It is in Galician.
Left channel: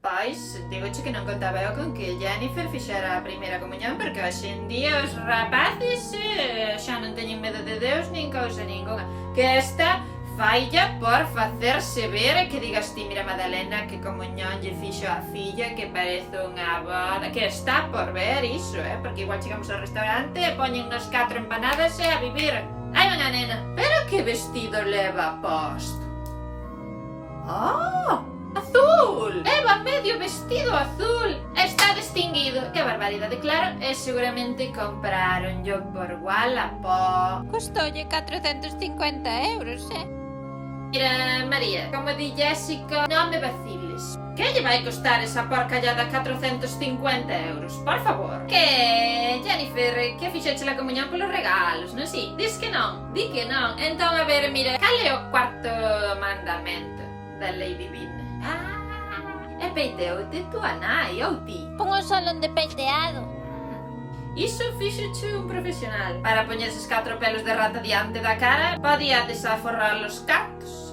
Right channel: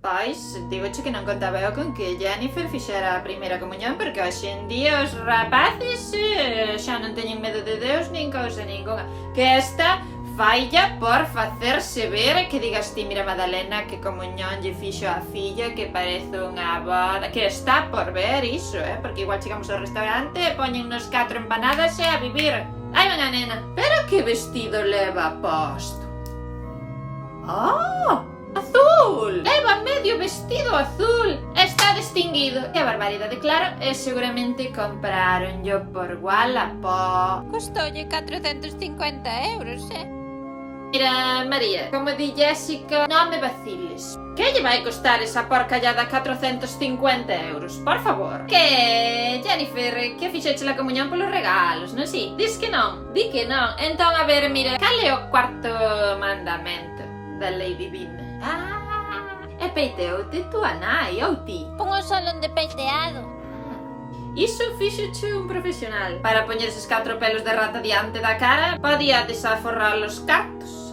Pois, digoche que non contaba eu con que Jennifer fixera a primeira comunión, porque hoxe en día os rapaces xa non teñen medo de Deus nin cousa ninguna. Que esta failla por facerse ver, que digas ti, mira Madalena, que comunión lle fixo a filla, que parece unha boda, que está por ver iso, porque igual chegamos ao restaurante e poñennos 4 empanadas e a vivir. Hai unha nena, pero que vestido leva posto? Oh, azul! Leva medio vestido azul! Está distinguido! Que barbaridade, claro, e seguramente compraron yo por Wallapop. Custoulle 450 euros, Mira, María, como di Jessica, non me vaciles. Que lle vai costar esa porcallada 450 euros? Por favor. Que, Jennifer, que fixeche la comunión polos regalos, non si? Dis que non, di que non. Entón, a ver, mira, cal é o cuarto mandamento da lei divina? E peiteote túa nai ou ti? Pon o salón de peiteado. Iso fixoche un profesional. Para poñer eses 4 pelos de rata diante da cara, podía desaforrar os cartos.